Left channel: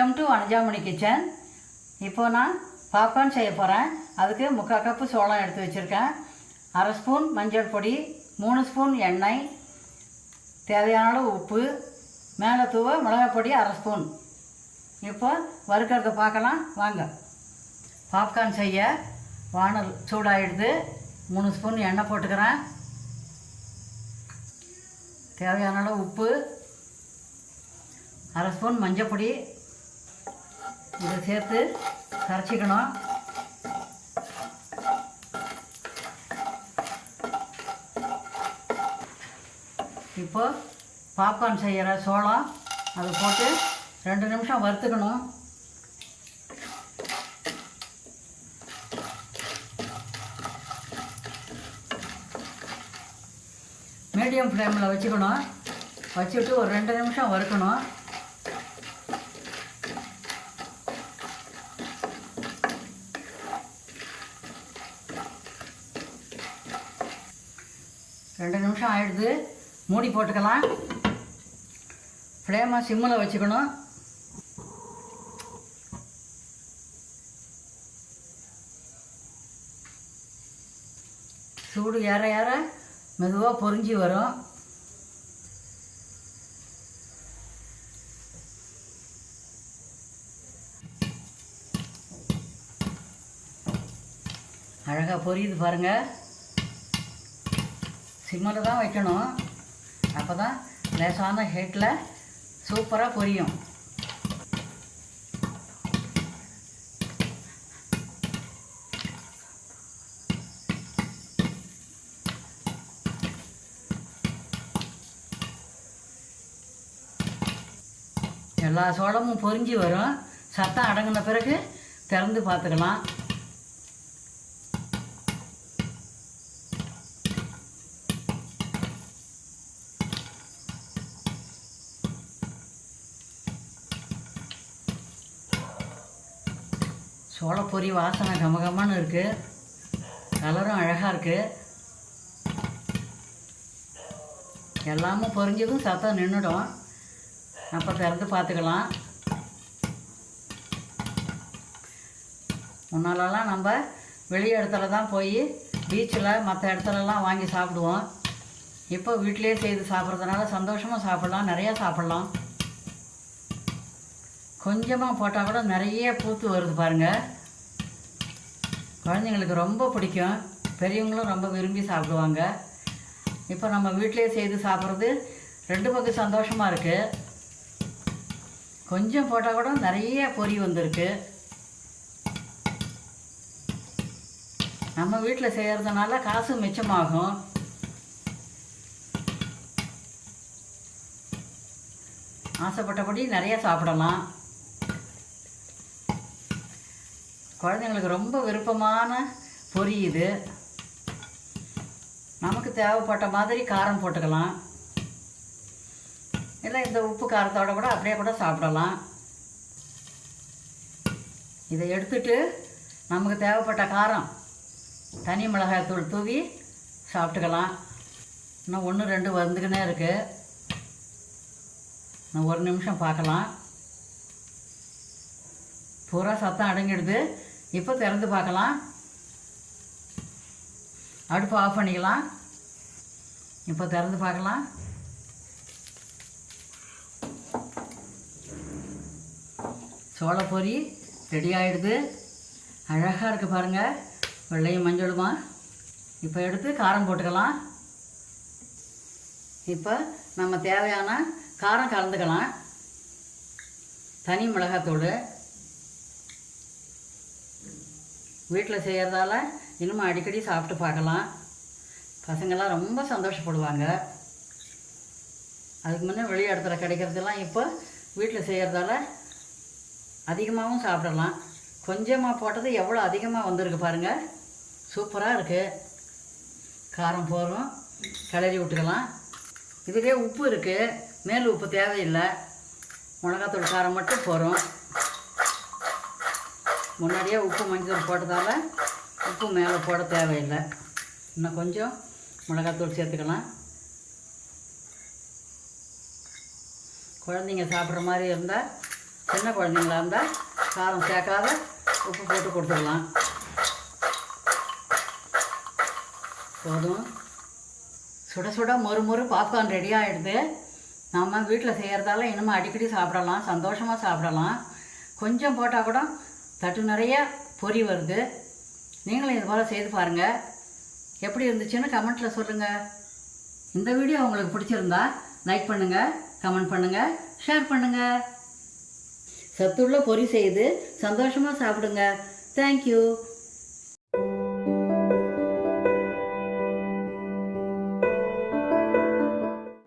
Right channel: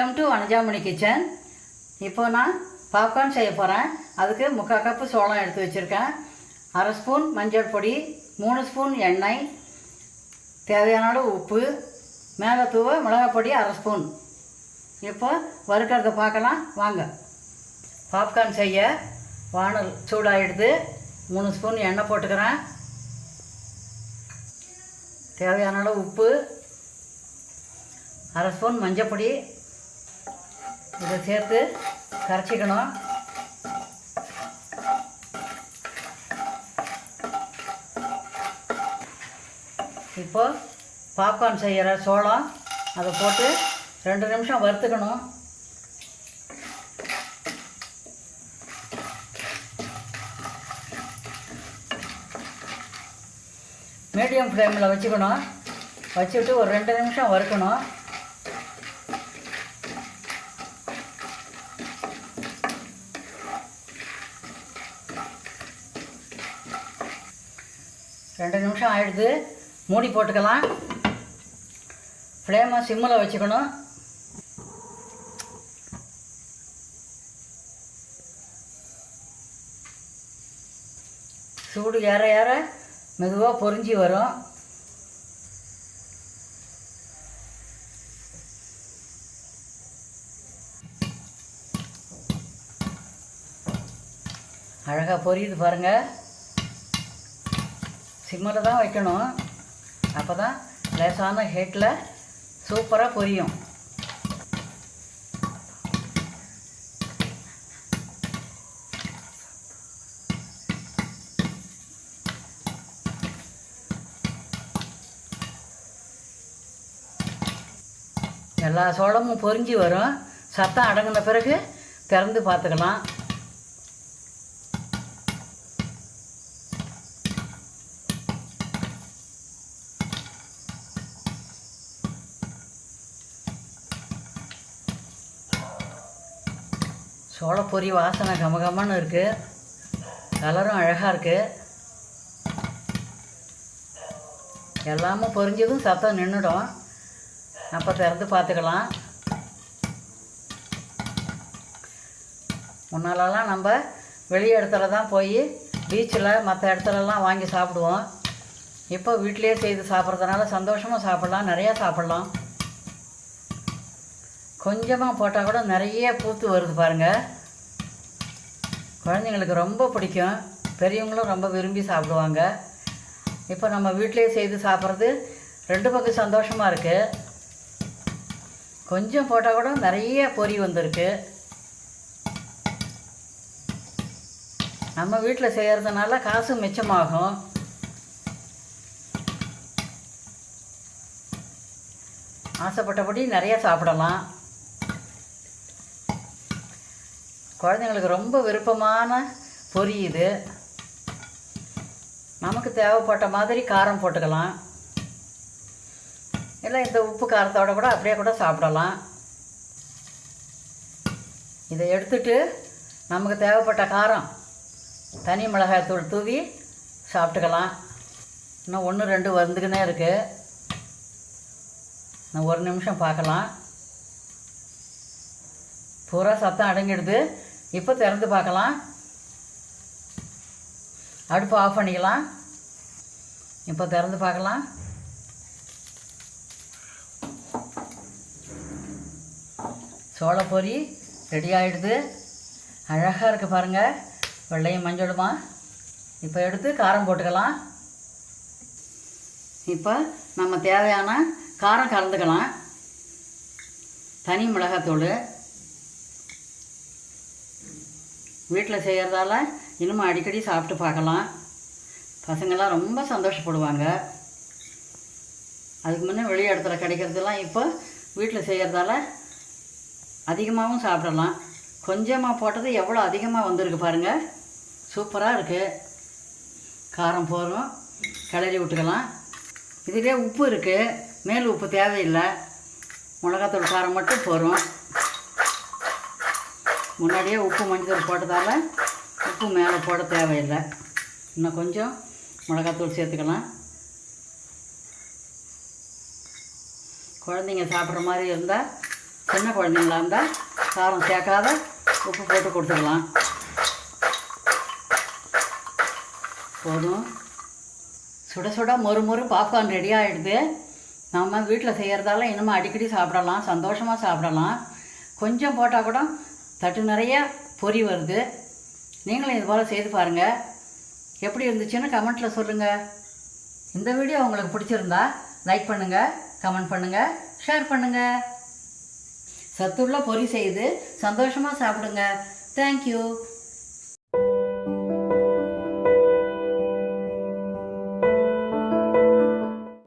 Welcome to Vanajamani kitchen இப்போ நான் popcorn செய்ய போகிறேன் அதுக்கு முக்கால் கப்பு சோளம் எடுத்து வச்சுருக்கேன். அரை ஸ்பூன் மஞ்சள் பொடி மூணு ஸ்பூன் எண்ணெய் தேவையான அளவு உப்பு மேலே தூவ மிளகாய் பொடி அரை ஸ்பூன் இப்போ வறுக்கிறத பார்க்கலாம். வாங்க. பாப்கார்ன் செய்ய வானல் சூடாகிடுது மூணு ஸ்பூன் எண்ணெய் போட்டுக்கிறேன். தேவையான அளவு உப்பு அரை ஸ்பூன் மஞ்சப்பொடி இதை சேர்த்து கரைச்சிக்கணும். இப்போ பாப்கார்ன் செய்கிற சோளம் அதை போட்டு ரெண்டு நிமிஷம் வறுத்துக்கணும். மீடியம் ஃப்ளேமில் வச்சுக்கணும். வச்சுட்டு ஒரு ரெண்டு நிமிஷம் வறுக்கணும். ரெண்டு நிமிஷம் ஆயிடுது. மூடி போட்டுக்கலாம். ஃப்ளேமை சிம்மில் வச்சுக்கணும். சூடு ஏற ஏற மெதுவாக பொறிஞ்சி வரும். அழகாக பொரியுது பாருங்கள் சிம்மில் தான் வைக்கணும். அப்போ தான் லேசான ஹீட்டில் சூப்பராக பொரியும். எல்லா சோளமும் பொரிஞ்சு வரும். சத்தம் அடங்கின பிறகு திறந்து பார்த்துக்கலாம். சோளப்பொரி வாசனை கமகமன்னு இருக்குது கலரும் அழகாக இருக்குது எல்லாமே பொரிஞ்சதும் சத்தம் நின்றுடும் அப்போ திறந்து பார்த்துக்கலாம். முன்னாலெல்லாம் நம்ம வெளி இடத்துல தான் போய் பீச்சில் மற்ற இடத்துலலாம் வாங்கி சாப்பிடுவோம். இப்போ வீட்டிலேயே செய்து சாப்பிட்றதுனால சந்தோஷமாக சாப்பிட்லாம். நிறையா சாப்பிட்லாம். கொஞ்சமாக போட்டால் கூட நிறைய பூத்து வருது பாருங்கள் குழந்தைங்களுக்கு ரொம்ப பிடிக்கும். பெரியவங்களும் ரொம்ப விரும்பி சாப்பிடுவாங்க. இப்போ நம்ம வீட்டிலேயே செய்து சாப்பிட்றது ரெண்டு பக்கம் சந்தோஷமாக இருக்குது கொஞ்சம் போட்டால் கூட நிறைய பொரி வந்திருக்கு. நம்ம வீட்டில் செய்கிறதுனால காசு மிச்சமாகும். ஆசைப்பட்டபடி நிறைய சாப்பிடலாம். குழந்தைங்களுக்கு ரொம்ப விருப்பமான பொரி இது. நமக்கு தேவைப்பட்ட மாதிரி காரம் போட்டுக்கலாம். இல்லை இந்த உப்பு காரத்தோட கூட அப்படியே கூட சாப்பிடலாம். இதை எடுத்துட்டு நமக்கு தேவைப்பட்ட காரம் தனி மிளகாய் தூள் தூவி சாப்பிட்டுக்கலாம். இன்னும் ஒன்று ரெண்டு வந்துக்கினே இருக்குது இன்னும் ஒரு நிமிஷம் பார்க்கலாம். பூரா சத்தம் அடங்கிடுது. இப்போ திறந்து பார்க்கலாம். அடுப்பு ஆஃப் பண்ணிக்கலாம். இப்போ திறந்து பார்க்கலாம். சோளப்பொரி ரெடி ஆகிடுது அழகாக இருக்குது பாருங்கள் வெள்ளையும் மஞ்சளுமா? இப்போ எடுத்து காரம் போட்டுக்கலாம். இப்போ நம்ம தேவையான காரம் கலந்துக்கலாம். தனி மிளகாத்தூள். வீட்டில் செய்கிறதால இன்னும் அடிக்கடி சாப்பிட்டு பார்க்கலாம். பசங்கள்லாம் ரொம்ப சந்தோஷப்படுவாங்க. அதுக்கு முன்னே வெளி இடத்துல கிடைக்கிறதெல்லாம் இப்போ வீட்டில் செய்கிறதால அதிகமாகவும் சாப்பிடலாம். கொஞ்சமாக போட்டது எவ்வளோ அதிகமாக வந்திருக்கு பாருங்கள் சூப்பராக இருக்குது காரம் போகிறோம் கிளறி விட்டுக்கலாம். இதுவே உப்பு இருக்குது மேல் உப்பு தேவையில்லை. மிளகாத்தூள் காரம் மட்டும் போகிறோம் முன்னாடியே உப்பு மஞ்சள் போட்டதால் உப்பு மேலே போட தேவையில்லை. இன்னும் கொஞ்சம் மிளகாத்தூள் சேர்த்துக்கலாம். குழந்தைங்க சாப்பிட்ற மாதிரி இருந்தால் சின்ன குழந்தைங்களா இருந்தால் காரம் சேர்க்காத உப்பு போட்டு கொடுத்துக்கலாம். போதும். சுட சுட மொறு மொறு பாப்கார்ன் ரெடி ஆகிடுது நம்ம வீட்டில் செய்கிறதால இன்னமும் அடிக்கடி சாப்பிடலாம் சந்தோஷமாக சாப்பிடலாம். கொஞ்சம் போட்டால் கூட தட்டு நிறைய பொரி வருது. நீங்களும் இது போல் செய்து பாருங்கள் எப்படி இருந்துச்சுன்னு கமெண்ட்டில் சொல்லுங்கள் இந்த வீடியோ உங்களுக்கு பிடிச்சிருந்தா லைக் பண்ணுங்கள் கமெண்ட் பண்ணுங்கள் ஷேர் பண்ணுங்கள் சத்துள்ள பொரி செய்து சந்தோஷமாக சாப்பிடுங்க. தேங்க்யூ